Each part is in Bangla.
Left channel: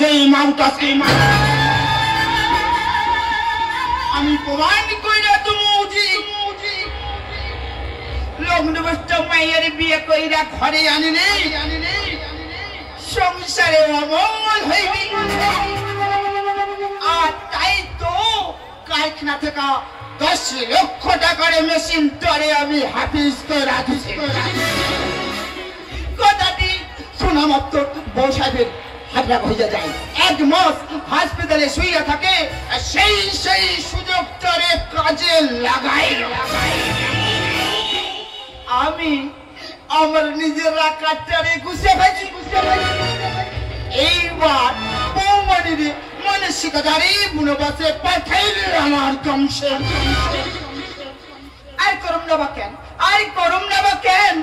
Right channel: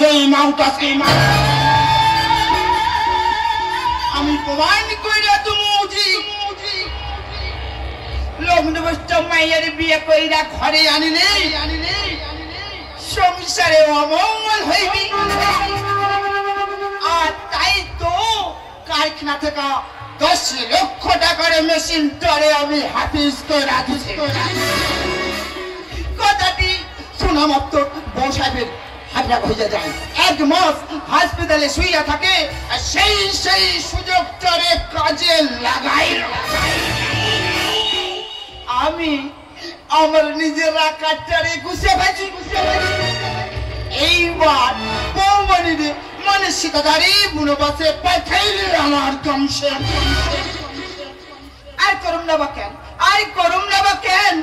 যেই মাউটাসকে আমি প্রমাণ কইরা তুমি লগ্নবস্ত মায়ের বিয়ে কইরা ঘরে আনিলে সংসারে অমঙ্গল হইবি। আর তাই তো কারখানা থেকে 10 লক্ষ টাকার মেশিন তরে আমি হাফিজ করে রাখছি। কথাটি শোনা মাত্র বউ সাহেবের হাতটা ভেজে যায়। 1 মাস হাসপাতালে শুয়ে থাকে। আর সেই সুযোগটারে কাজে লাগাই। আমি আমার নিজের রাখাটারে গুছিয়ে ফেলছি। এইবার বৌমণিরে মানসিকতারে বুনবাসে পাঠাইলে আমার কমছে। আর করুম না বা কেন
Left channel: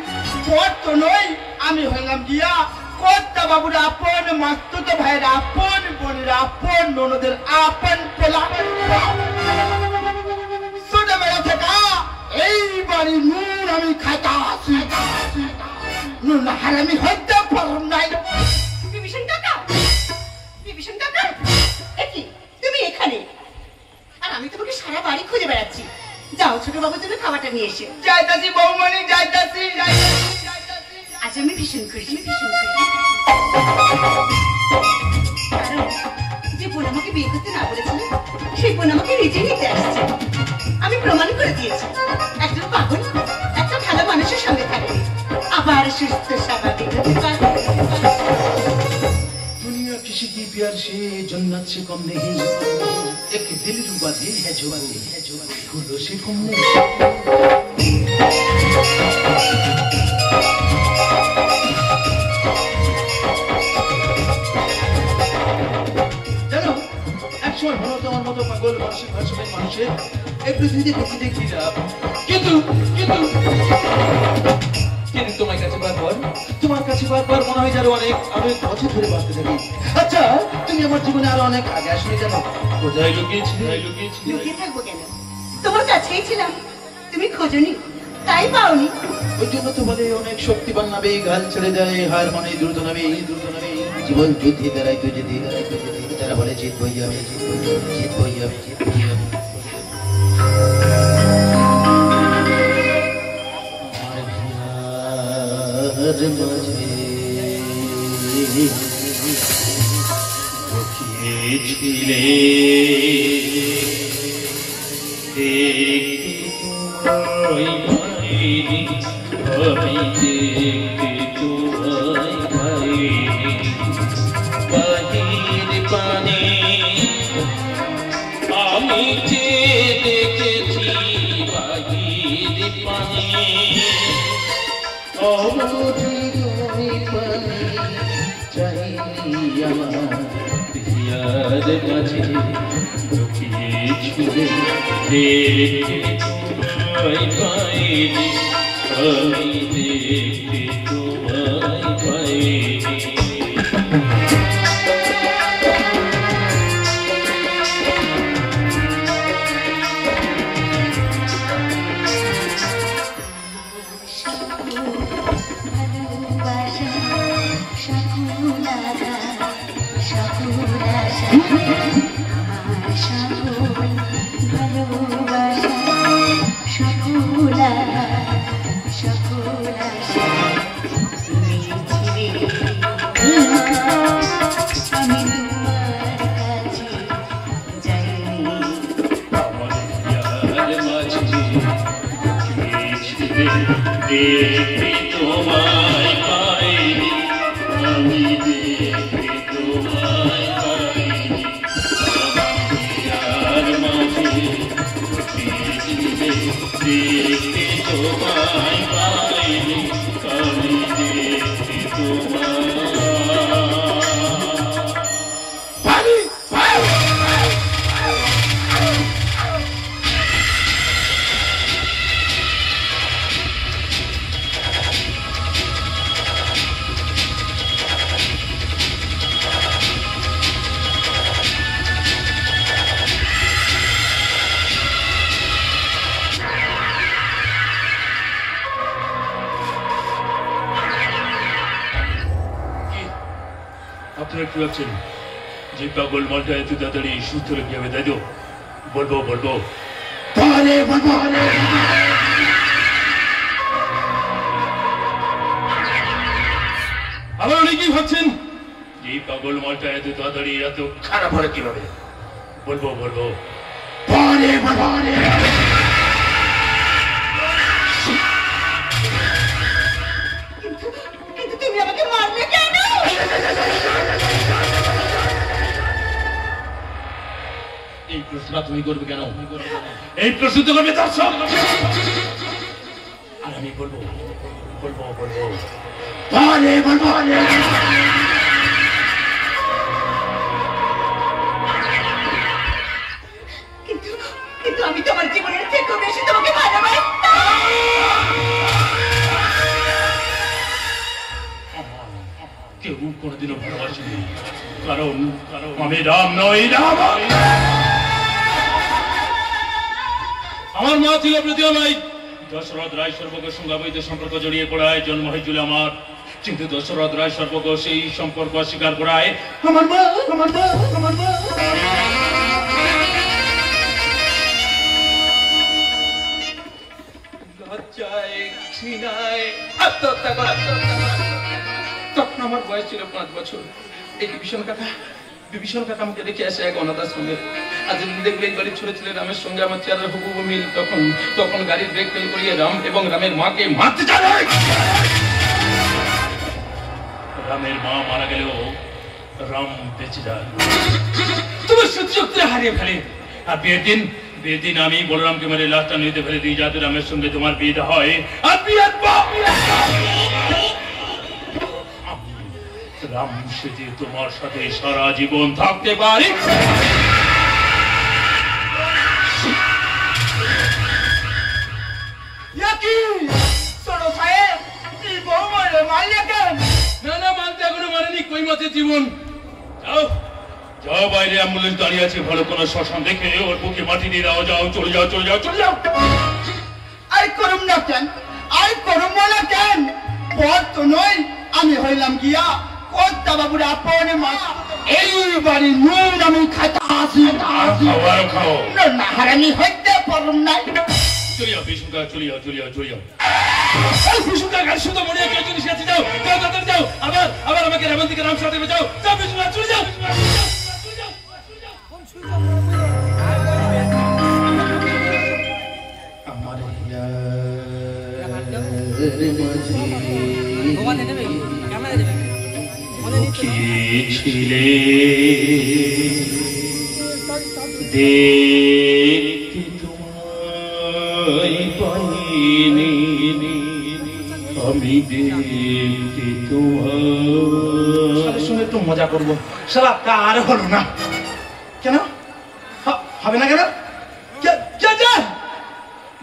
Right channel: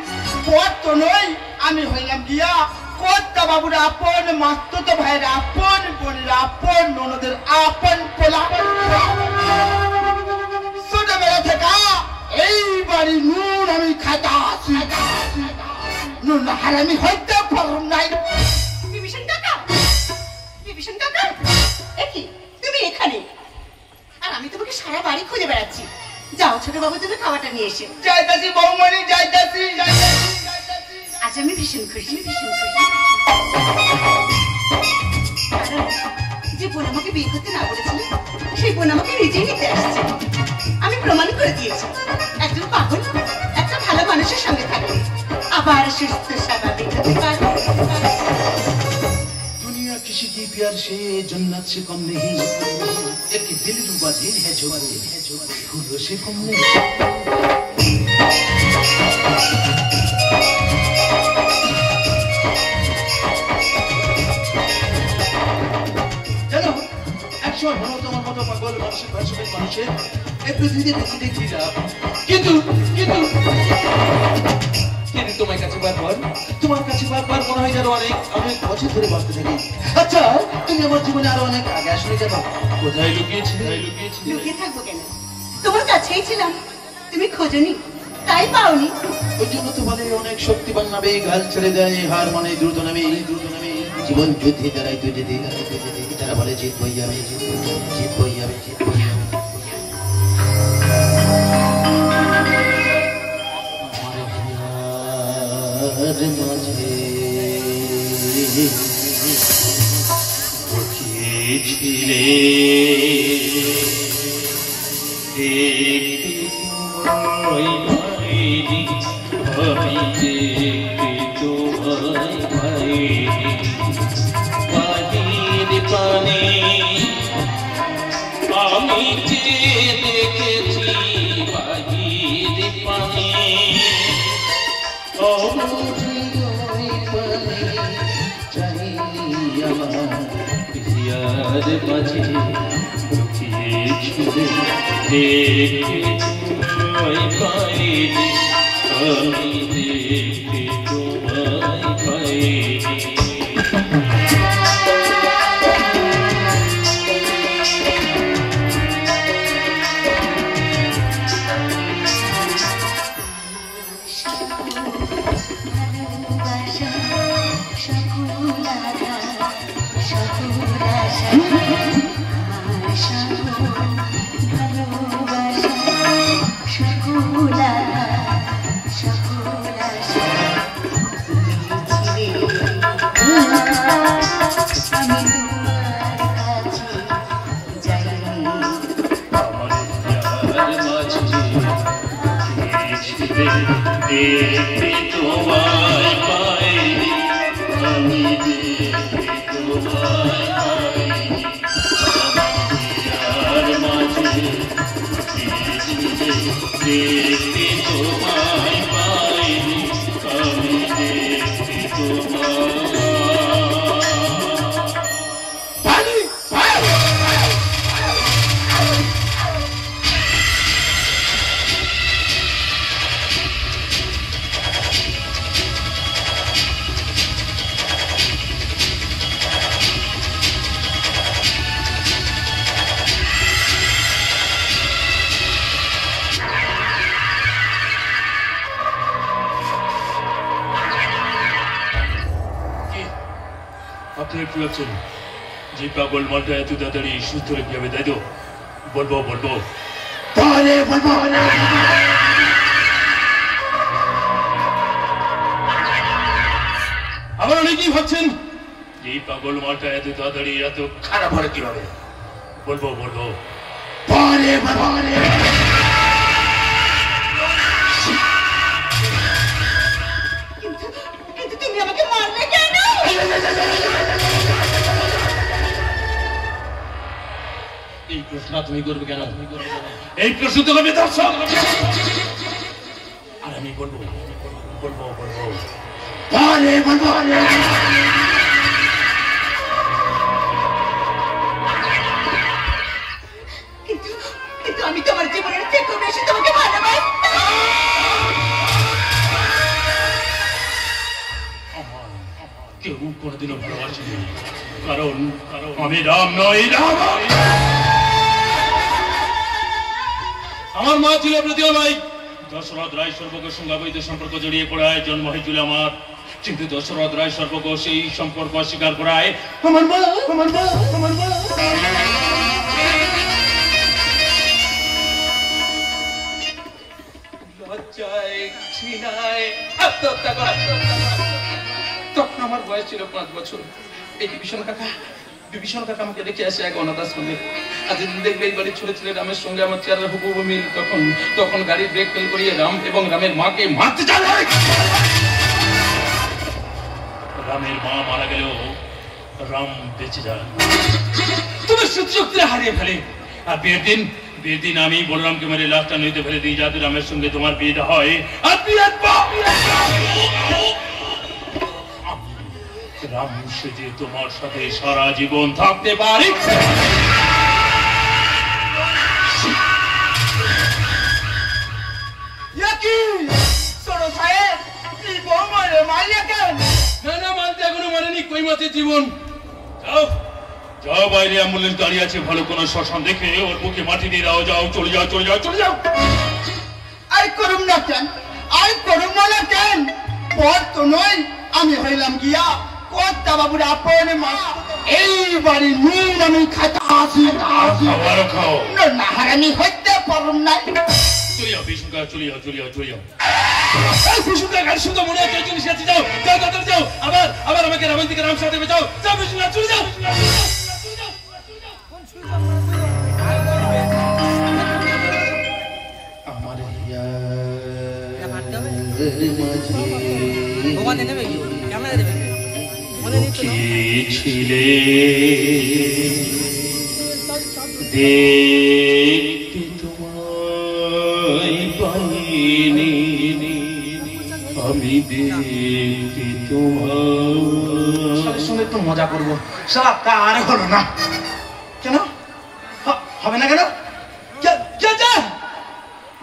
পর তো নয়, আমি হইলাম গিয়া কর্তা বাবুর আপন, মাস্তুত ভাইয়ের আপন, বোনের আপন, ননদের আপন পোলা। ছোটবেলা থেকে এই বাড়ি নুন আমি খাইতাছি। নুন হারামি হইতে পারলাম নাই। বিভীষণ কাকা, একি তুমি এখানে? আর আমি তোমাকে সারা বাড়ি খুঁজে বেড়াচ্ছি। যাও ছোট বাবুর জন্য খাবারটা নিয়ে এসে। যাইতাছি বৌমণি, যাইতাছি। আজ আমি ভীষণ খুশি। কারণ যে বোন আমাকে বিয়ে করতে না বলেছিল, সেই বোন আমাকে নিজেই নিতে আসছে। আমি প্রমাণ করে দিয়েছি, একজন পাগল একটা ভালো মানুষের সঙ্গে থাকলে আবার সুস্থ স্বাভাবিক হতে পারে। दुनिया किसी की प्यार से जन्नत से कम नहीं, एक दिल रुबा दिल है जो फूलों से कम नहीं। জানো একসময় ভালো তোমার মতো পাগল মানসিক ভারসাম্যের মানুষের এই পৃথিবীতে বেঁচে দেখছিলাম, কিন্তু তোমার কাছে বারবার মনে হয় যেন অনেক বছর ধরে বাঁচতে থাকি। আচ্ছা তুমি আমার জীবনে আরো অনেক আগে আসলে কেন? কোথায় লুকিয়েছিলে? লুকিয়ে থাকবো কেন? তোমার কাছেই ছিলাম, তুমি খোঁজনি তাই পাওনি। ওই জন্য তো বলে অনেক শক্তিবান নামে গাল ছেড়ে দেয়, হার মানে দ্রুত নামে জীবন যুদ্ধে দাঁড়ায় তুই যেতে তারা বলে জিতবই আমি। আপনারা কি আছেন? যে পাগল মালটা এত তাড়াতাড়ি সুস্থ রেখে যাবে, তাই তো? বলবো বলবো আবার অনেকেই ভাবছেন যে পাগল মালটা এত তাড়াতাড়ি এত খারাপ হলে কিভাবে? বলবো বলবো কিন্তু তুমি আমাকে মারলে কেন? এই প্রশ্নটা তুমি করবে কেন? এই প্রশ্ন তো করবে দর্শক। আর আমি বলবো বলবো বলবো কিন্তু আমি তোমার জীবনের থেকে বেশি তোমাকে ভালোবাসি। কেউ কোনোদিনও ভালোবাসেনি, কারণ আমি রাম নই। রাম আমার মা ছিল প্রতিমাই। দশরথ রায় সর্বকের সঙ্গে অবৈধ সম্পর্ক জড়িয়ে পড়ায় জন্ম হয়েছিল আমার, কিন্তু দশরথ রায় সর্বক সেই সম্পর্ক অস্বীকার করায় আমার মা লজ্জায় ঘৃণায় আত্মহত্যা করা। তখন আমার বয়স ছিল 5 বছর। এই বিভীষণ কাকা আমাকে রেখে আসে এক অনাথ আশ্রমে। আজ দিন দেখবে এই বাড়ির ছোট ছেলে রামের সঙ্গে আমার চেহারা হুবহু মিল। তখন গাড়ির ব্রেক ফেল করিয়ে রাম এবং রামের মাকে মারতে যাবে। রামের মা মারা গেলেও রাম বেঁচে যায়। তোমার সত্যি হারিয়ে ফেলে। আর বিয়ের দিন আমি বলরামকে মেরে লাশটা নদীতে ফেলে দিই, যাতে রামের সঙ্গে তোমার বিয়েটা হয়। আর বিয়ের রাম সেজে তোমার সাথে সারা জীবন থাকতে পারি। না মানতে এখনো মানেনি। কই মতে জীবন। যাও বাইরে অ্যাম্বুলেন্স দাঁড়িয়ে আছে, ভালো কোনো শ্মশান দেখে ওর বুকে মাটি দিয়ে দাও। যাও, চলে যাও। আর করুম না কেন? পর তো নই, আমি হইলাম গিয়া কর্তা বাবুর আপন মা। এই বাড়ি নুন আমি খাতা আসি খাও না হারানি হইতে পারুন না। চলে যাও বিষ্ণুকা, চলে যাও। বিষ্ণুকা গাড়ি শুধু মনে হয় কেউ জিনিস আছে। যাও। আবার আমাকে রাবণ থেকে রাম সাথে যাও। বিষ্ণুকা চলে যাও। আমার ছিলে দেখতে তোমায় পাইনি, আমি দেখতে তোমার সঙ্গে একটু মজা করবো। সারা কার হলো না কেন? হবে না কেন?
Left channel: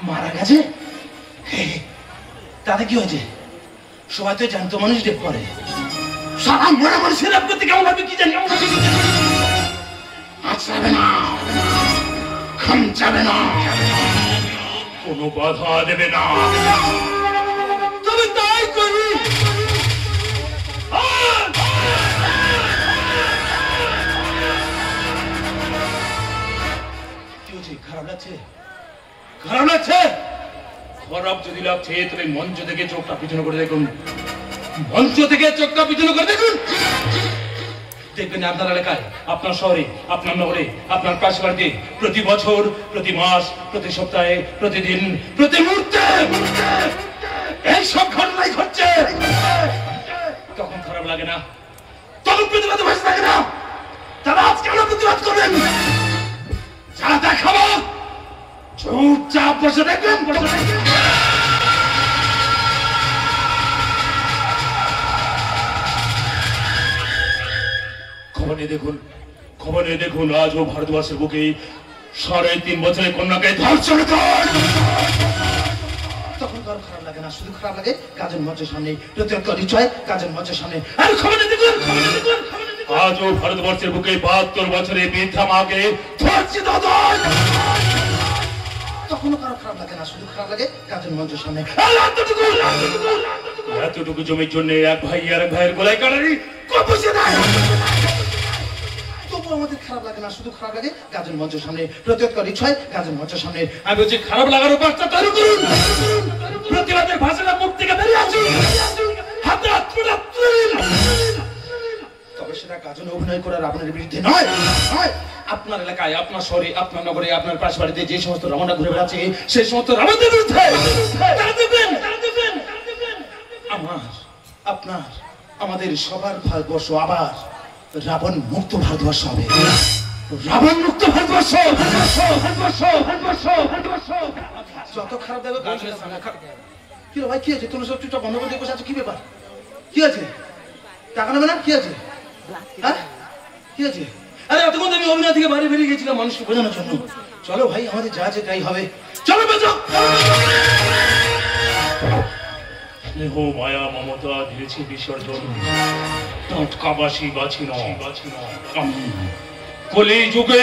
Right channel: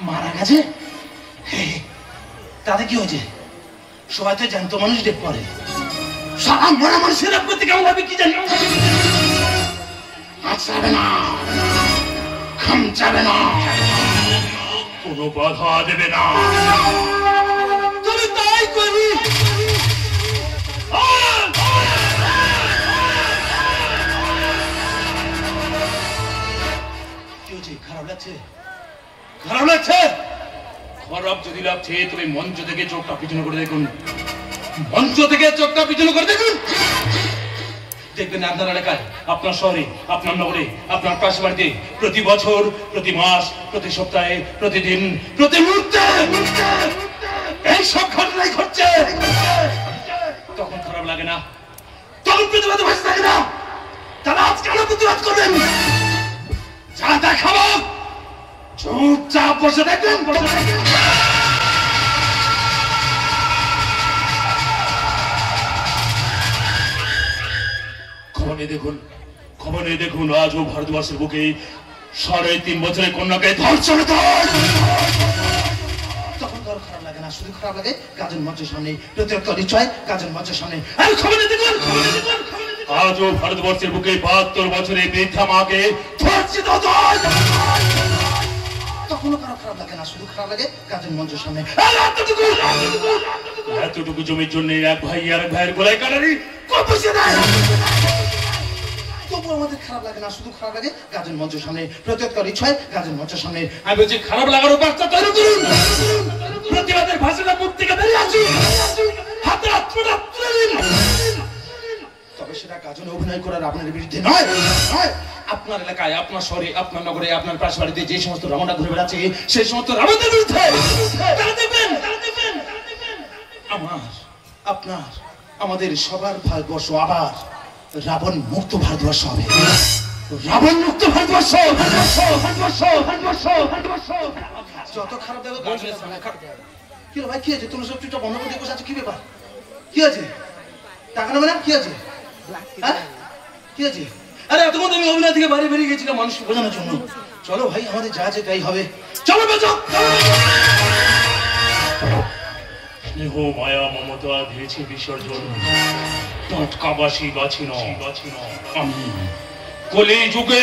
মারা গেছে, তাতে কি হয়েছে? সবাই তো জানতো মানুষ দেখ পরে। সারা মরা মানুষের রাম করতে কেমন হবে কি জানি। যাবে না, খাম যাবে না, কোনো বাধা দেবে না। তুমি তাই করি। খারাপ লাগছে? খারাপ যদি লাগছে তুমি মঞ্চ থেকে চোখটা পিছনে করে দেখুন। দেখবেন আপনার এলাকায়, আপনার শহরে, আপনার নগরে, আপনার পাশ বাড়িতে প্রতি বছর, প্রতি মাস, প্রতি সপ্তাহে, প্রতিদিন, প্রতি মুহূর্তে এইসব ঘটনাই ঘটছে। তখন খারাপ লাগে না? তখন প্রতিবাদ ভাসে থাকে না? তাহলে আজ কেন প্রতিবাদ করবেন? যা দেখাবো চুপচাপ বসে দেখবেন। খবরে দেখুন আজও ভারতবর্ষের বুকে 3.5 বছরের কন্যাকে ধর্ষণ। তখন কারো খারাপ লাগে না, শুধু খারাপ লাগে কাজের মঞ্চের সামনে কাজের মঞ্চের সামনে। আজও ভারতবর্ষের বুকে 72 বছরের বৃদ্ধা মাকে ধর্ষিত হয়। তখনও কারো খারাপ লাগে না, শুধু খারাপ লাগে কাজের মঞ্চের সামনে। এতটুকু জমির জন্য এক ভাই আর এক ভাইয়ের গলায় কাটারি। তবু তবু আমাদের খারাপ লাগে না, শুধু খারাপ লাগে গাজন মঞ্চের সামনে প্রত্যেকবার ইচ্ছায় গাজন মঞ্চের সামনে। আমি বলছি খারাপ লাগারও বার্তা তৈরি করুন, প্রতিবাদের ভাষাটা মুখ থেকে বেরিয়ে আসুন, হাতে হাত তুলে দিন। তবে সেটা গাজনে অভিনয় করার আপনার বিরুদ্ধে নয়। আপনার এলাকায়, আপনার শহরে, আপনার নগরে, আপনার পাশ বাড়িতে যে সমস্ত রাবণরা ঘুরে বেড়াচ্ছে সেই সমস্ত রাবণদের বিরুদ্ধে আমার, আপনার, আমাদের সবার ভারতবর্ষ আবার রাবণ মুক্ত ভারতবর্ষ হবে। রাবণ মুক্ত ভারতবর্ষ। যত খারাপ দেখো কি ভাই, কি আছে? তুমি সব চুপটা বন্ধ করে দিয়ে বসে আছো, কি ব্যাপার? কি আছে? টাকা নেবে না? কি আছে? হ্যাঁ কি আছে? আরে এতক্ষণ আমি অভিনয় থেকে বাইরে বেরিয়ে গেছিলাম মানুষকে বোঝানোর জন্য। চলো ভাই, আমাদের যা আছে তাই হবে। চলো বাজো। স্নেহ মায়া মমতা দিয়েছে বিসর্জন, টাটকাবাসী বাছি ন আমি কলি যুগে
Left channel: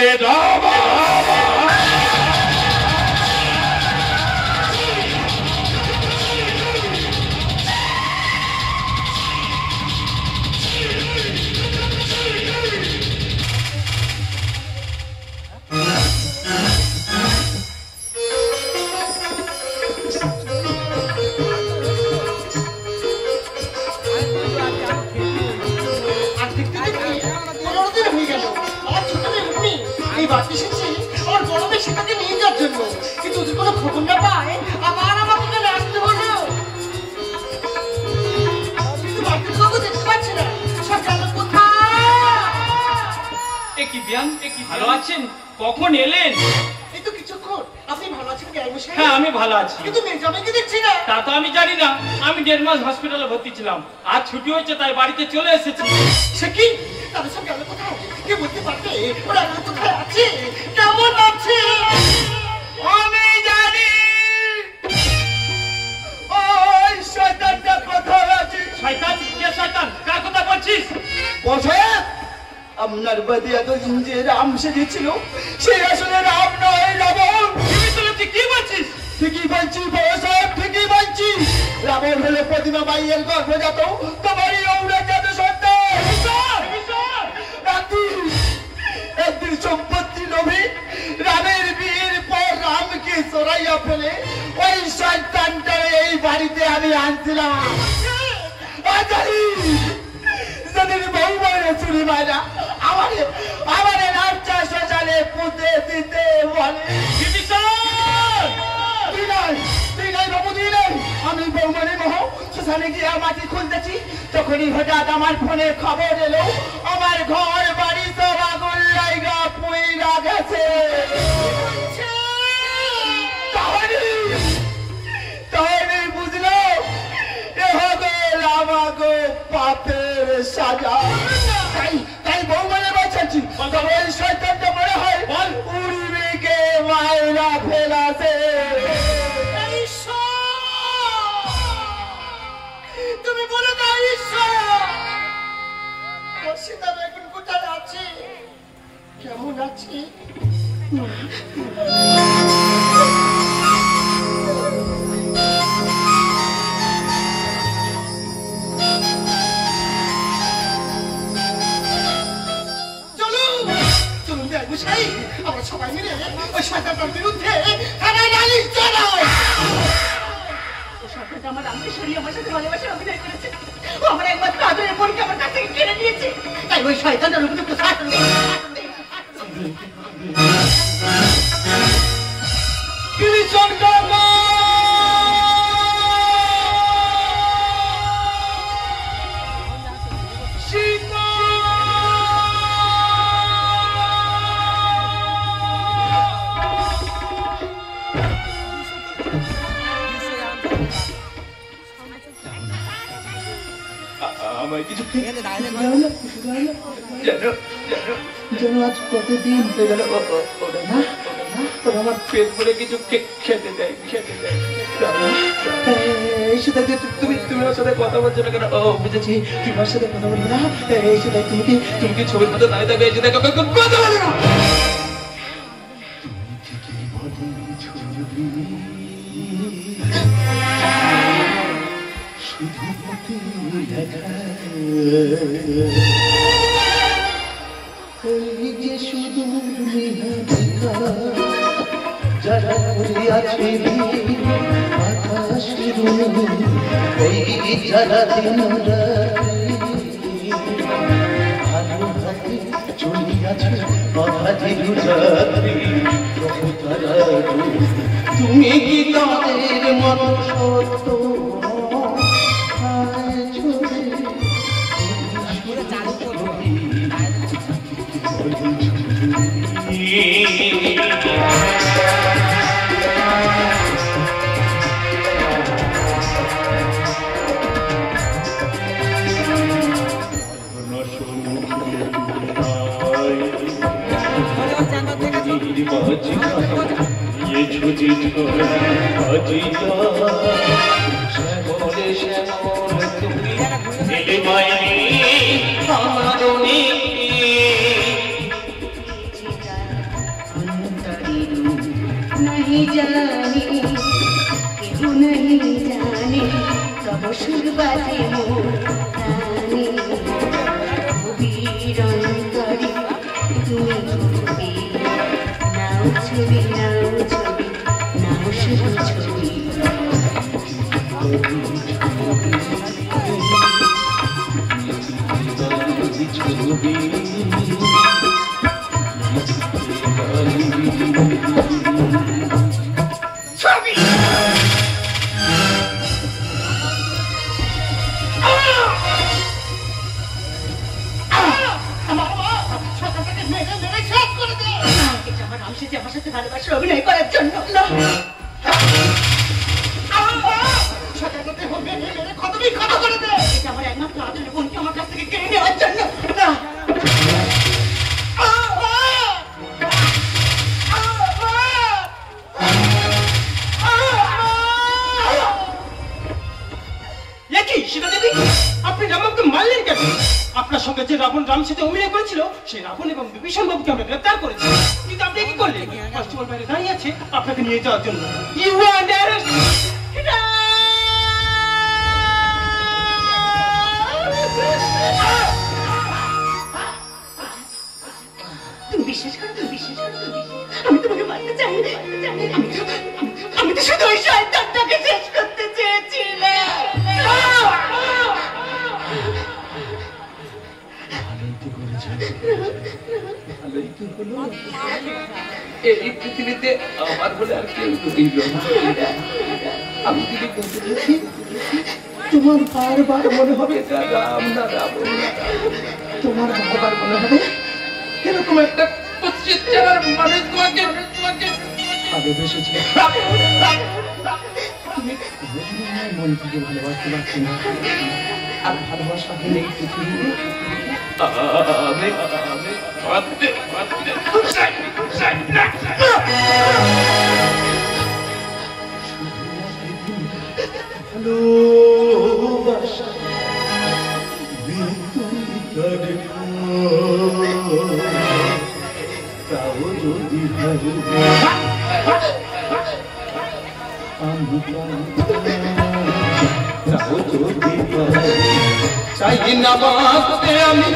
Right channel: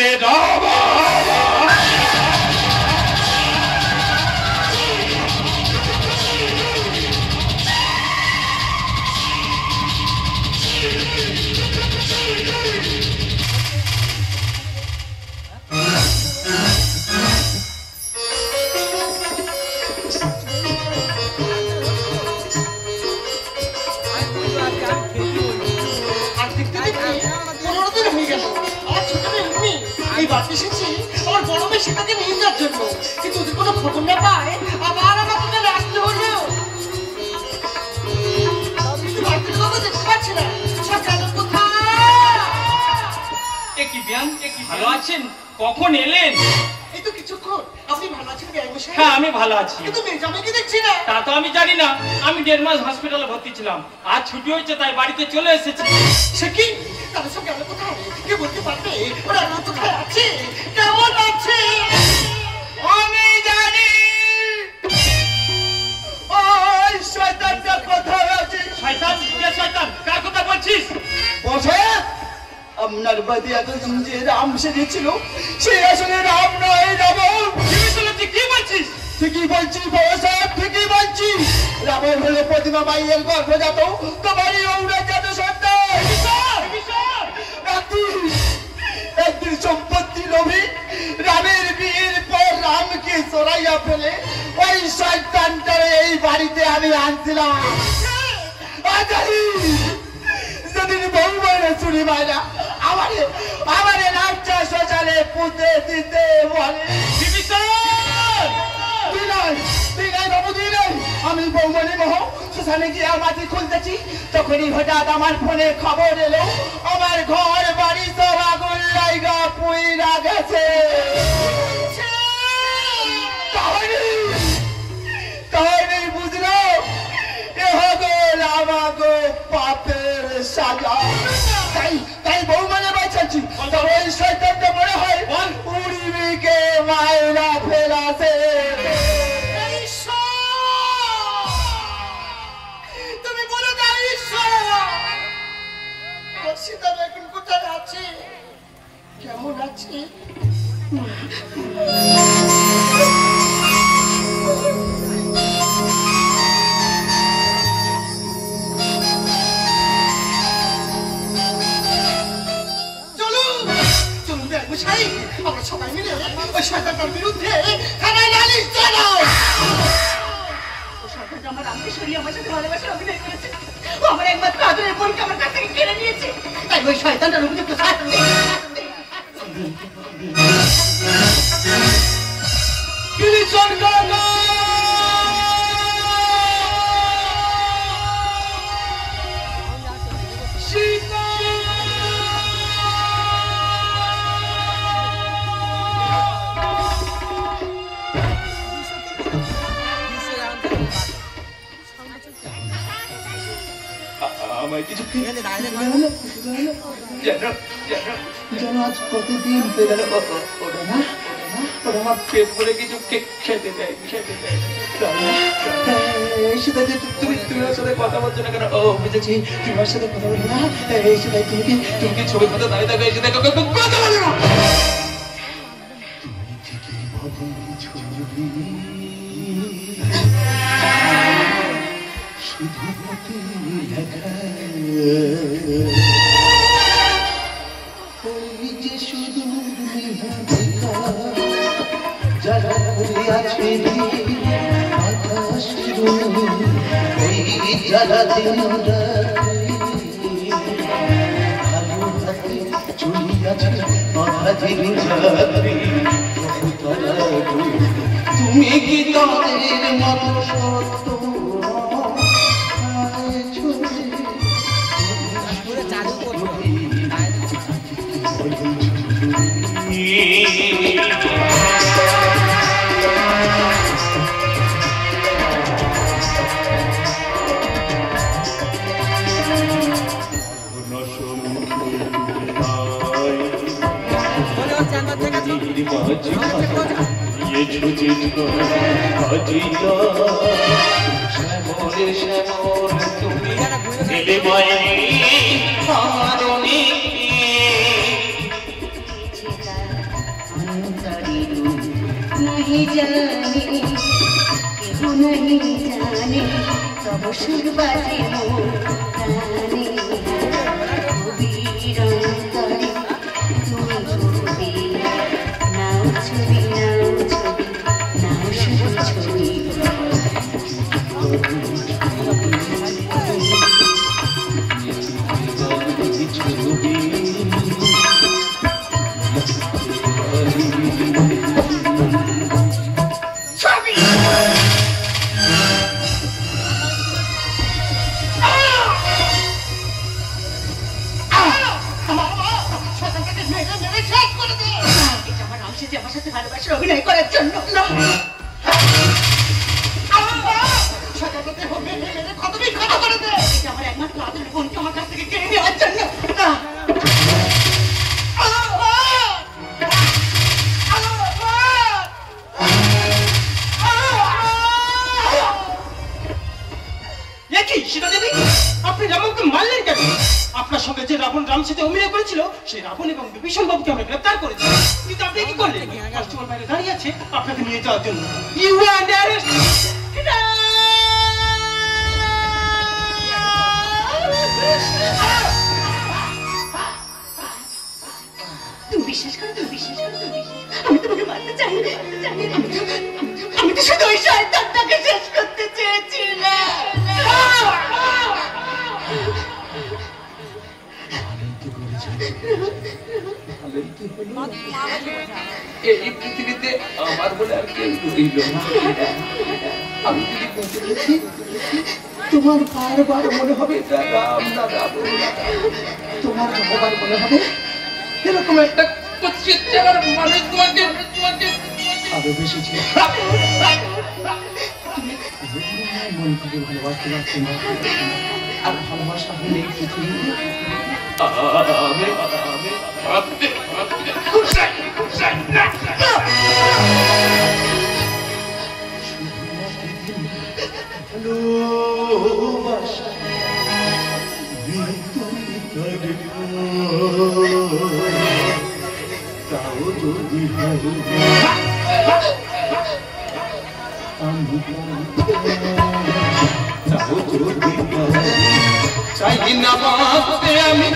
ভালো আছেন? কখন এলেন? এই তো কিছুক্ষণ। আপনি ভালো আছেন? হ্যাঁ আমি ভালো আছি। কিন্তু মেজামেকে দেখছি না। তা তো আমি জানি না, আমি 1.5 মাস হসপিটালে ভর্তি ছিলাম, আজ ছুটি হয়েছে তাই বাড়িতে চলে এসেছি। সে কি? তাদের সব গেল কোথায়? কে বলতে পারবে ওরা কোথায় আছে, কেমন আছে? আমি জানি ওই শয়তানটা কোথায় আছে। শয়তান? কে শয়তান? কার কথা বলছিস? বসে আপনার বাদে এতদিন যে রাম সেজেছিল সে আসলে রাম নয়, রাবণ। কি বলছিস? ঠিকই বলছি বড় সাহেব, ঠিকই বলছি। রাবণ হলো প্রতিমা মাইয়ের গর্ভজাত তোমারই ঔরজাত সন্তান। একদিন সম্পত্তি লোভী রামের বিয়ের পর রামকে চড়াইয়া ফেলে ওই শয়তানটারে এই বাড়িতে আমি আনছিলাম। যেদিন বউ মাইরা চুরি মাইরা আমারে রামচা শোষালে পুঁতে দিতে বলে। আমি বৌমনি মহ শ্মশানে গিয়ে মাটি খুলতেছি, তখনই হঠাৎ আমার ফোনে খবর এলো আমার ঘর বাড়ি সব আগুন লাইগা পুইরা গেছে। তাহলে বুঝলো এ হগল আমাগো পাপের সাজা। তাই বৌমানে বাঁচাচ্ছি, ওই শয়তানটা মনে হয় উড়িবিকে মায়েরা ফেলাছে। তুমি বলে দাও ঈশ্বর সীতারা এখন কোথায় আছে, কেমন আছে? আমরা সবাই মিলে ওই শয়তানটার বিরুদ্ধে থানায় নালিশ জানাই। ও শয়তানটা আমার রামকে সরিয়ে আমার সাথে ভালোবাসার অভিনয় করেছে। ও আমার একমাত্র আদরের বোনকে আমার কাছ থেকে কেড়ে নিয়েছে। তাই ওই শয়তানটার উপযুক্ত শাস্তি আমায় কিছু যেন আজ কতদিন হয়ে গেল ওরা আমার পেট ভরে কিছু খেতে দেয়। সেটাকে তুমি ওর সাথে কথা বলছো না কেন? ও বুঝেছি, তুমি ওর সাথে কথা বলবো না। সেটাই তুমি কি ছবির মতো দাঁড়িয়ে থাকো, এসে দেখো কথা বলো না। শুধু যারা আছে আকাশ ওই যারা দিন ভালো হাতে চলি আছে অধাধি রাত্রি তুমি কি তাদের মন সত্য চালু করবো नहीं जाने केहू नहीं जाने कब सुर बाजे मोर काने वीरंतरी তুমি ছবি নাও ছবি নাও ছবি নাও শুধু ছবি আমার সাথে ভালোবাসা অভিনয় করার জন্য না কথা করে দে আমার একমাত্র আদরের বোনকে আমার কাছ থেকে কেড়ে নেওয়ার জন্য আপনি রাবণকে মারলেন কেন? আপনার সঙ্গে যে রাবণ রাম সেতু অভিনয় করেছিল সেই রাবণ এবং বিভীষণ বাবুকে আমরা গ্রেফতার করেছি, কিন্তু আপনি কি করলেন? কনস্টেবল বাইরে দাঁড়িয়ে আছে আপনাকে নিয়ে যাওয়ার জন্য। You under arrest. তুমি বিশ্বাস করো, তুমি বিশ্বাস করো, আমি তোমাকে মারতে চাই, আমি তো শুধু ওই শয়তানটাকে শেষ করতে চেয়েছিলাম। এই পৃথিবীতে আমার বলে আর কেউ রইল না। আমি যদি বলতে দেখি তোমার বারবার মনে হবে এটা রাম না রাবণ না, তোমার বারবার মনে হবে এরকম একটা কুৎসিত চেহারার মানুষ তোমাকে ভালোবেসেছে। তুমি মন থেকে ভালোবাসতে পারছি না, আর ভালোবাসা হলে এই পৃথিবীতে চাই না বাঁচতে আমি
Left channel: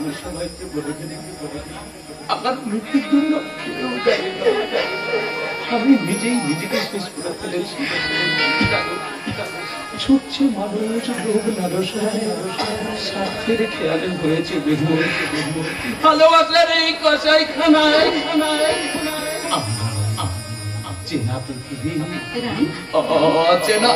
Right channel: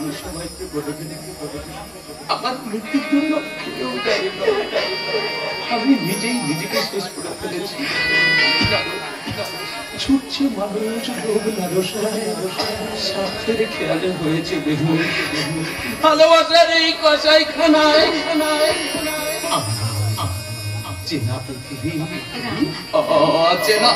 আপনি সবাইকে বলে দিন, আমার মৃত্যুর জন্য কেউ দায়ী নয়। আমি নিজেই নিজেকে শেষ করে ফেলেছি। ছুটছে মানুষ লোভ লালসায়, স্বার্থের খেয়ালে হয়েছে দেহ। ভালোবাসার এই কষাই খানায় চেনা পৃথিবী, অচেনা